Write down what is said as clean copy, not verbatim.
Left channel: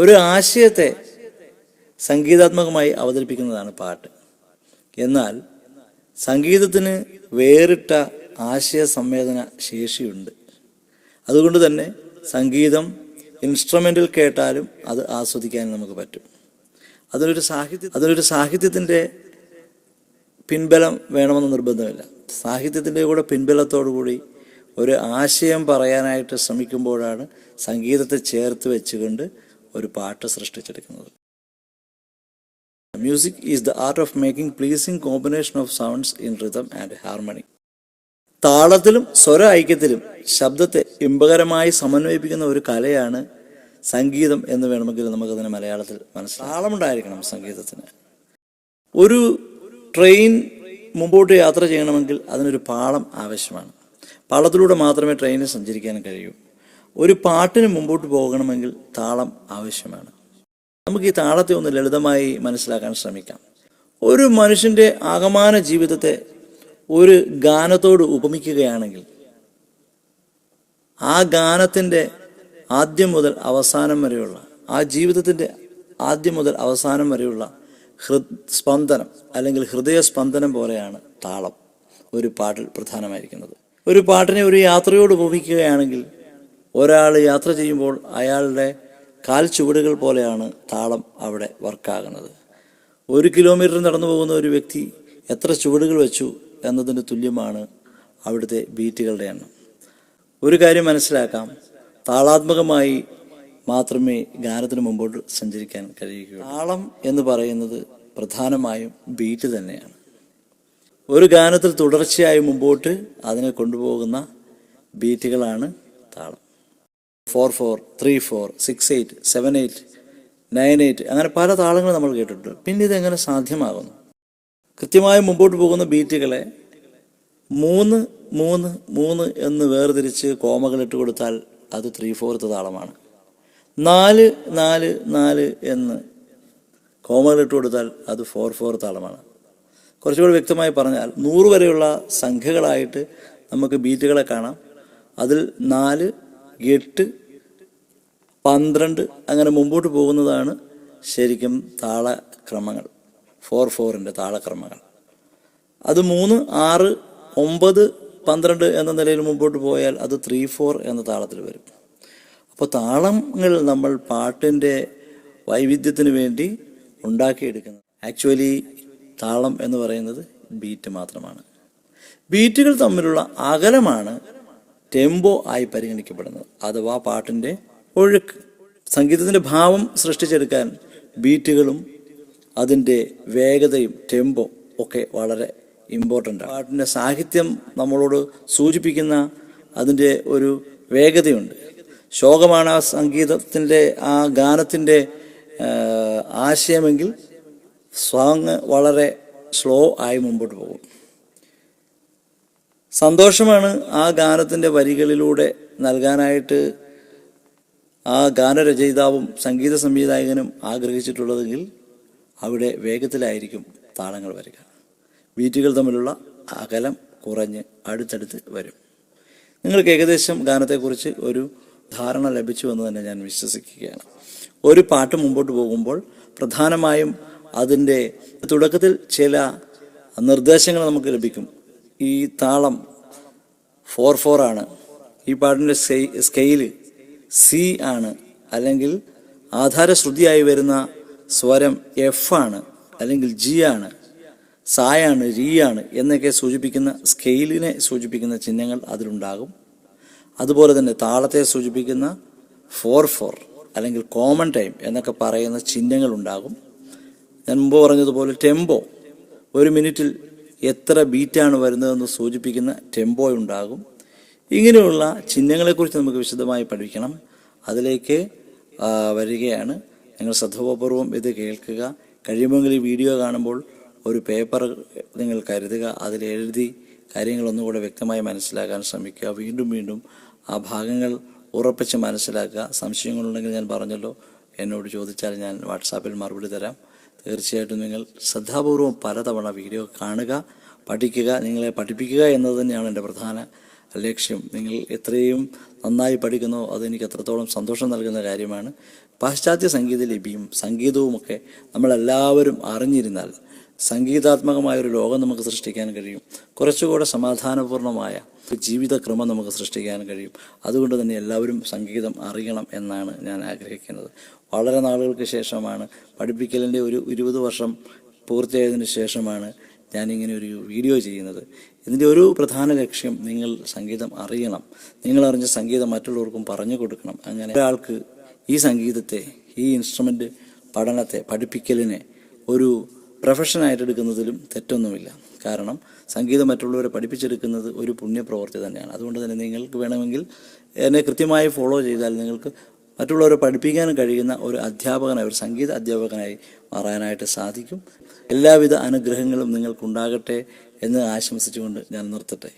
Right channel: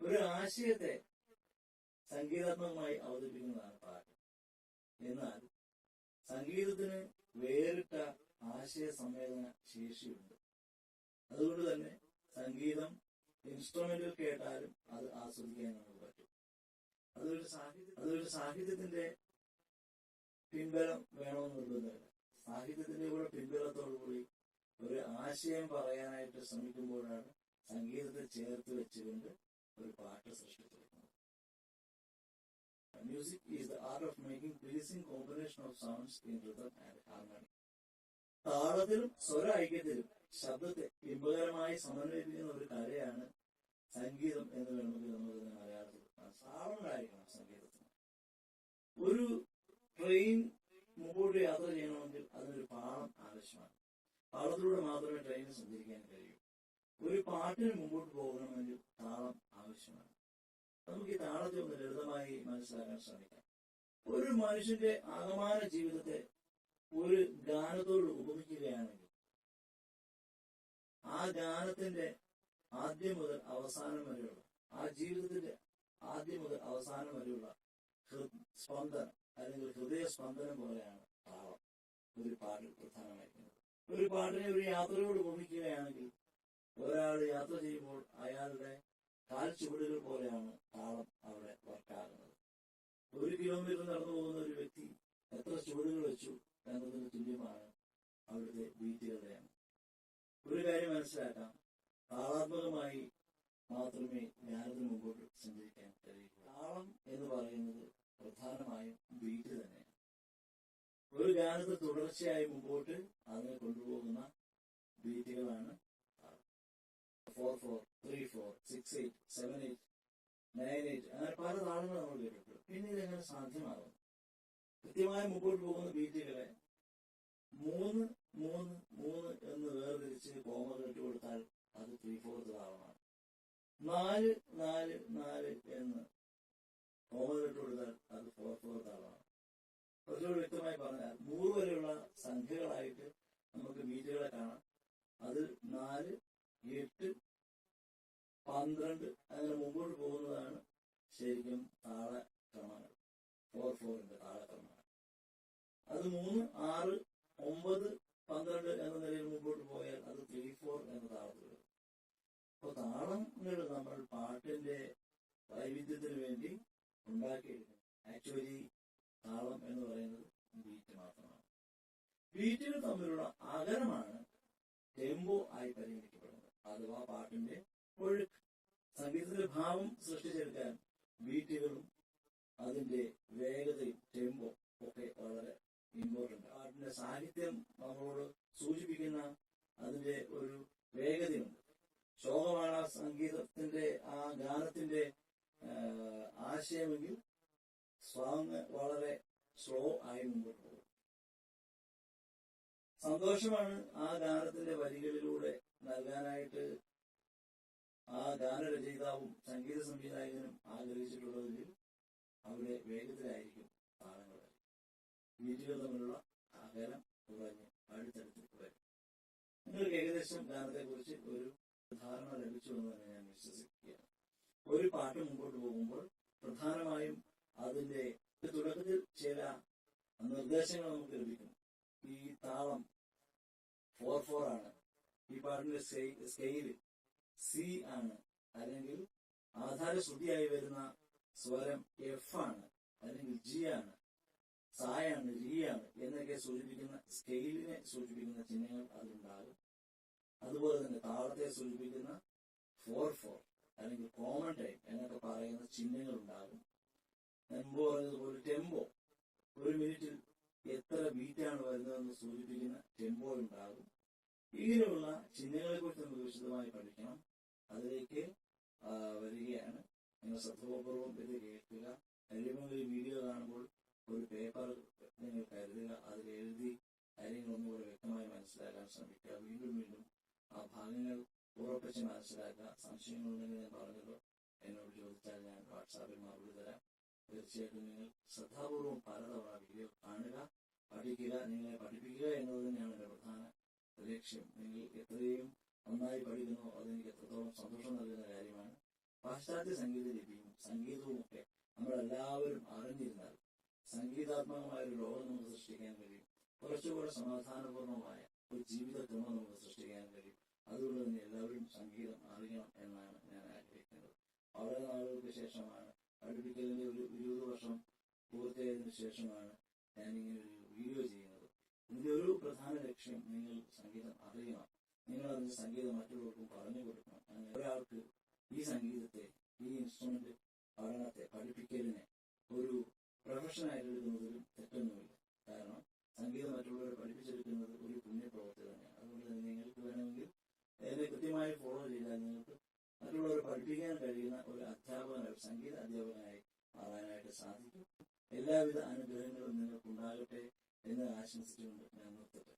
ഒരു ആശയത്തെ സംഗീതാത്മകമായി അവതരിപ്പിക്കുന്നതാണ് പാട്ട്. എന്നാൽ സംഗീതത്തിന് വേറിട്ട ആശയ സംവേദന ശേഷിയുണ്ട്. അതുകൊണ്ട് തന്നെ സംഗീതം ഇൻസ്ട്രുമെൻ്റിൽ കേട്ടാലും അത് ആസ്വദിക്കാൻ നമുക്ക് പറ്റും. അതിനൊരു സാഹിത്യത്തിൻ്റെ പിൻബലം വേണമെന്ന് നിർബന്ധമില്ല. സാഹിത്യത്തിൻ്റെ കൂടെ പിൻബലത്തോടു കൂടി ഒരു ആശയം പറയാനായിട്ട് ശ്രമിക്കുമ്പോഴാണ് സംഗീതത്തെ ചേർത്ത് വെച്ചുകൊണ്ട് ഒരു പാട്ട് സൃഷ്ടിച്ചെടുക്കുന്നത്. Music is the art of making pleasing combination of sounds in rhythm and harmony. താളത്തിലും സ്വര ഐക്യത്തിലും ശബ്ദത്തെ ഇമ്പകരമായി സമന്വയിപ്പിക്കുന്ന ഒരു കലയാണ് സംഗീതം എന്ന് വേണമെങ്കിൽ നമുക്കതിനെ മലയാളത്തിൽ മനസ്സിലാക്കാം. താളമുണ്ടായിരിക്കണം സംഗീതത്തിന്. ഒരു ട്രെയിൻ മുമ്പോട്ട് യാത്ര ചെയ്യണമെങ്കിൽ അതിനൊരു പാളം ആവശ്യമാണ്. പാളത്തിലൂടെ മാത്രമേ ട്രെയിനിന് സഞ്ചരിക്കാൻ കഴിയൂ. ഒരു പാട്ടിന് മുമ്പോട്ട് പോകണമെങ്കിൽ താളം ആവശ്യമാണ്. നമുക്ക് ഈ താളത്തെ ഒന്ന് ലളിതമായി മനസ്സിലാക്കാൻ ശ്രമിക്കാം. ഒരു മനുഷ്യൻ്റെ ആകമാന ജീവിതത്തെ ഒരു ഗാനത്തോട് ഉപമിക്കുകയാണെങ്കിൽ ആ ഗാനത്തിൻ്റെ ആദ്യം മുതൽ അവസാനം വരെയുള്ള, ആ ജീവിതത്തിൻ്റെ ആദ്യം മുതൽ അവസാനം വരെയുള്ള സ്പന്ദനം അല്ലെങ്കിൽ ഹൃദയസ്പന്ദനം പോലെയാണ് താളം ഒരു പാട്ടിൽ പ്രധാനമായിരിക്കുന്നത്. ഒരു പാട്ടിനെ ഒരു യാത്രയോട് ഉപമിക്കുകയാണെങ്കിൽ ഒരാൾ യാത്ര ചെയ്യുമ്പോൾ അയാളുടെ കാൽ ചുവടുകൾ പോലെയാണ് താളം അവിടെ വർക്കാകുന്നത്. 1 കിലോമീറ്റർ നടന്നു പോകുന്ന ഒരു വ്യക്തി എത്ര ചുവടുകൾ വെച്ചു എന്നതിന് തുല്യമാണ് അവിടുത്തെ ബീറ്റുകളുടെ എണ്ണം. ഒരു കാര്യം മനസ്സിലാക്കാം, താളാത്മകമായി മാത്രമേ ഗാനത്തിന് മുമ്പോട്ട് സഞ്ചരിക്കാൻ കഴിയുകയുള്ളൂ. താളം എന്ന് പറയുന്നത് പ്രധാനമായും ബീറ്റ് തന്നെയാണ്. ഒരു ഗാനത്തിൽ തുടർച്ചയായി മുമ്പോട്ട് അതിനെ കൊണ്ടുപോകുന്ന ബീറ്റുകളാണ് താളം. 4/4, 3/4, 6/8, 7/8, 9/8 അങ്ങനെ പല താളങ്ങൾ നമ്മൾ കേട്ടിട്ടുണ്ട്. പിന്നെ ഇതെങ്ങനെ സാധ്യമാകുന്നു? കൃത്യമായി മുമ്പോട്ട് പോകുന്ന ബീറ്റുകളെ 3-3-3 എന്ന് വേർതിരിച്ച് കോമകളിട്ട് കൊടുത്താൽ അത് 3/4 താളമാണ്. 4-4-4 എന്ന് കോമകളിട്ട് കൊടുത്താൽ അത് 4/4 താളമാണ്. കുറച്ചുകൂടി വ്യക്തമായി പറഞ്ഞാൽ 100 വരെയുള്ള സംഖ്യകളായിട്ട് നമുക്ക് ബീറ്റുകളെ കാണാം. അതിൽ 4, 8, 12 അങ്ങനെ മുമ്പോട്ട് പോകുന്നതാണ് ശരിക്കും താളക്രമങ്ങൾ, 4/4 താളക്രമങ്ങൾ. അത് 3, 6, 9, 12 എന്ന നിലയിൽ മുമ്പോട്ട് പോയാൽ അത് 3/4 എന്ന താളത്തിൽ വരും. അപ്പോൾ താളങ്ങൾ നമ്മൾ പാട്ടിൻ്റെ വൈവിധ്യത്തിന് വേണ്ടി ഉണ്ടാക്കിയെടുക്കുന്നത്. ആക്ച്വലി താളം എന്ന് പറയുന്നത് ബീറ്റ് മാത്രമാണ്. ബീറ്റുകൾ തമ്മിലുള്ള അകലമാണ് ടെമ്പോ ആയി പരിഗണിക്കപ്പെടുന്നത്, അഥവാ പാട്ടിൻ്റെ ഒഴുക്ക്. സംഗീതത്തിൻ്റെ ഭാവം സൃഷ്ടിച്ചെടുക്കാൻ ബീറ്റുകളും അതിൻ്റെ വേഗതയും ടെമ്പോ ഒക്കെ വളരെ ഇമ്പോർട്ടൻ്റ് ആണ്. പാട്ടിൻ്റെ സാഹിത്യം നമ്മളോട് സൂചിപ്പിക്കുന്ന അതിൻ്റെ ഒരു വേഗതയുണ്ട്. ശോകമാണ് ആ സംഗീതത്തിൻ്റെ ആ ഗാനത്തിൻ്റെ ആശയമെങ്കിൽ സോങ് വളരെ സ്ലോ ആയി മുമ്പോട്ട് പോകും. സന്തോഷമാണ് ആ ഗാനത്തിൻ്റെ വരികളിലൂടെ നൽകാനായിട്ട് ആ ഗാനരചയിതാവും സംഗീത സംവിധായകനും ആഗ്രഹിച്ചിട്ടുള്ളതെങ്കിൽ അവിടെ വേഗത്തിലായിരിക്കും താളങ്ങൾ വരിക. ബീറ്റുകൾ തമ്മിലുള്ള അകലം കുറഞ്ഞ് അടുത്തടുത്ത് വരും. നിങ്ങൾക്ക് ഏകദേശം ഗാനത്തെക്കുറിച്ച് ഒരു ധാരണ ലഭിച്ചു എന്ന് തന്നെ ഞാൻ വിശ്വസിക്കുകയാണ്. ഒരു പാട്ട് മുമ്പോട്ട് പോകുമ്പോൾ പ്രധാനമായും അതിൻ്റെ തുടക്കത്തിൽ ചില നിർദ്ദേശങ്ങൾ നമുക്ക് ലഭിക്കും. ഈ താളം 4/4 ആണ്, ഈ പാട്ടിൻ്റെ സ്കെയില് സി ആണ്, അല്ലെങ്കിൽ ആധാരശ്രുതിയായി വരുന്ന സ്വരം എഫ് ആണ്, അല്ലെങ്കിൽ ജി ആണ്, സായാണ്, രീ ആണ് എന്നൊക്കെ സൂചിപ്പിക്കുന്ന സ്കെയിലിനെ സൂചിപ്പിക്കുന്ന ചിഹ്നങ്ങൾ അതിലുണ്ടാകും. അതുപോലെ തന്നെ താളത്തെ സൂചിപ്പിക്കുന്ന 4/4 അല്ലെങ്കിൽ കോമൺ ടൈം എന്നൊക്കെ പറയുന്ന ചിഹ്നങ്ങൾ ഉണ്ടാകും. ഞാൻ മുമ്പ് പറഞ്ഞതുപോലെ ടെമ്പോ, 1 മിനിറ്റിൽ എത്ര ബീറ്റാണ് വരുന്നതെന്ന് സൂചിപ്പിക്കുന്ന ടെമ്പോ ഉണ്ടാകും. ഇങ്ങനെയുള്ള ചിഹ്നങ്ങളെക്കുറിച്ച് നമുക്ക് വിശദമായി പഠിക്കണം. അതിലേക്ക് വരികയാണ്. നിങ്ങൾ ശ്രദ്ധാപൂർവം ഇത് കേൾക്കുക. കഴിയുമെങ്കിൽ ഈ വീഡിയോ കാണുമ്പോൾ ഒരു പേപ്പർ നിങ്ങൾ കരുതുക, അതിലെഴുതി കാര്യങ്ങളൊന്നുകൂടെ വ്യക്തമായി മനസ്സിലാക്കാൻ ശ്രമിക്കുക. വീണ്ടും വീണ്ടും ആ ഭാഗങ്ങൾ ഉറപ്പിച്ച് മനസ്സിലാക്കുക. സംശയങ്ങളുണ്ടെങ്കിൽ ഞാൻ പറഞ്ഞല്ലോ, എന്നോട് ചോദിച്ചാൽ ഞാൻ വാട്സാപ്പിൽ മറുപടി തരാം. തീർച്ചയായിട്ടും നിങ്ങൾ ശ്രദ്ധാപൂർവം പലതവണ വീഡിയോ കാണുക, പഠിക്കുക. നിങ്ങളെ പഠിപ്പിക്കുക എന്നത് തന്നെയാണ് എൻ്റെ പ്രധാന ലക്ഷ്യം. നിങ്ങൾ എത്രയും നന്നായി പഠിക്കുന്നോ അതെനിക്ക് അത്രത്തോളം സന്തോഷം നൽകുന്ന കാര്യമാണ്. പാശ്ചാത്യ സംഗീത ലിപിയും സംഗീതവുമൊക്കെ നമ്മളെല്ലാവരും അറിഞ്ഞിരുന്നാൽ സംഗീതാത്മകമായൊരു ലോകം നമുക്ക് സൃഷ്ടിക്കാൻ കഴിയും. കുറച്ചുകൂടെ സമാധാനപൂർണമായ ജീവിതക്രമം നമുക്ക് സൃഷ്ടിക്കാൻ കഴിയും. അതുകൊണ്ട് തന്നെ എല്ലാവരും സംഗീതം അറിയണം എന്നാണ് ഞാൻ ആഗ്രഹിക്കുന്നത്. വളരെ നാളുകൾക്ക് ശേഷമാണ്, പഠിപ്പിക്കലിൻ്റെ ഒരു 20 വർഷം പൂർത്തിയായതിനു ശേഷമാണ് ഞാനിങ്ങനെ ഒരു വീഡിയോ ചെയ്യുന്നത്. ഇതിൻ്റെ ഒരു പ്രധാന ലക്ഷ്യം നിങ്ങൾ സംഗീതം അറിയണം. നിങ്ങളറിഞ്ഞ സംഗീതം മറ്റുള്ളവർക്കും പറഞ്ഞു കൊടുക്കണം. അങ്ങനെ ഒരാൾക്ക് ഈ സംഗീതത്തെ, ഈ ഇൻസ്ട്രുമെൻ്റ് പഠനത്തെ, പഠിപ്പിക്കലിനെ ഒരു പ്രൊഫഷനായിട്ട് എടുക്കുന്നതിലും തെറ്റൊന്നുമില്ല. കാരണം സംഗീതം മറ്റുള്ളവരെ പഠിപ്പിച്ചെടുക്കുന്നത് ഒരു പുണ്യപ്രവൃത്തി തന്നെയാണ്. അതുകൊണ്ട് തന്നെ നിങ്ങൾക്ക് വേണമെങ്കിൽ എന്നെ കൃത്യമായി ഫോളോ ചെയ്താൽ നിങ്ങൾക്ക് മറ്റുള്ളവരെ പഠിപ്പിക്കാൻ കഴിയുന്ന ഒരു അധ്യാപകനായി, ഒരു സംഗീത അധ്യാപകനായി മാറാനായിട്ട് സാധിക്കും. എല്ലാവിധ അനുഗ്രഹങ്ങളും നിങ്ങൾക്കുണ്ടാകട്ടെ എന്ന് ആശംസിച്ചുകൊണ്ട് ഞാൻ നിർത്തട്ടെ.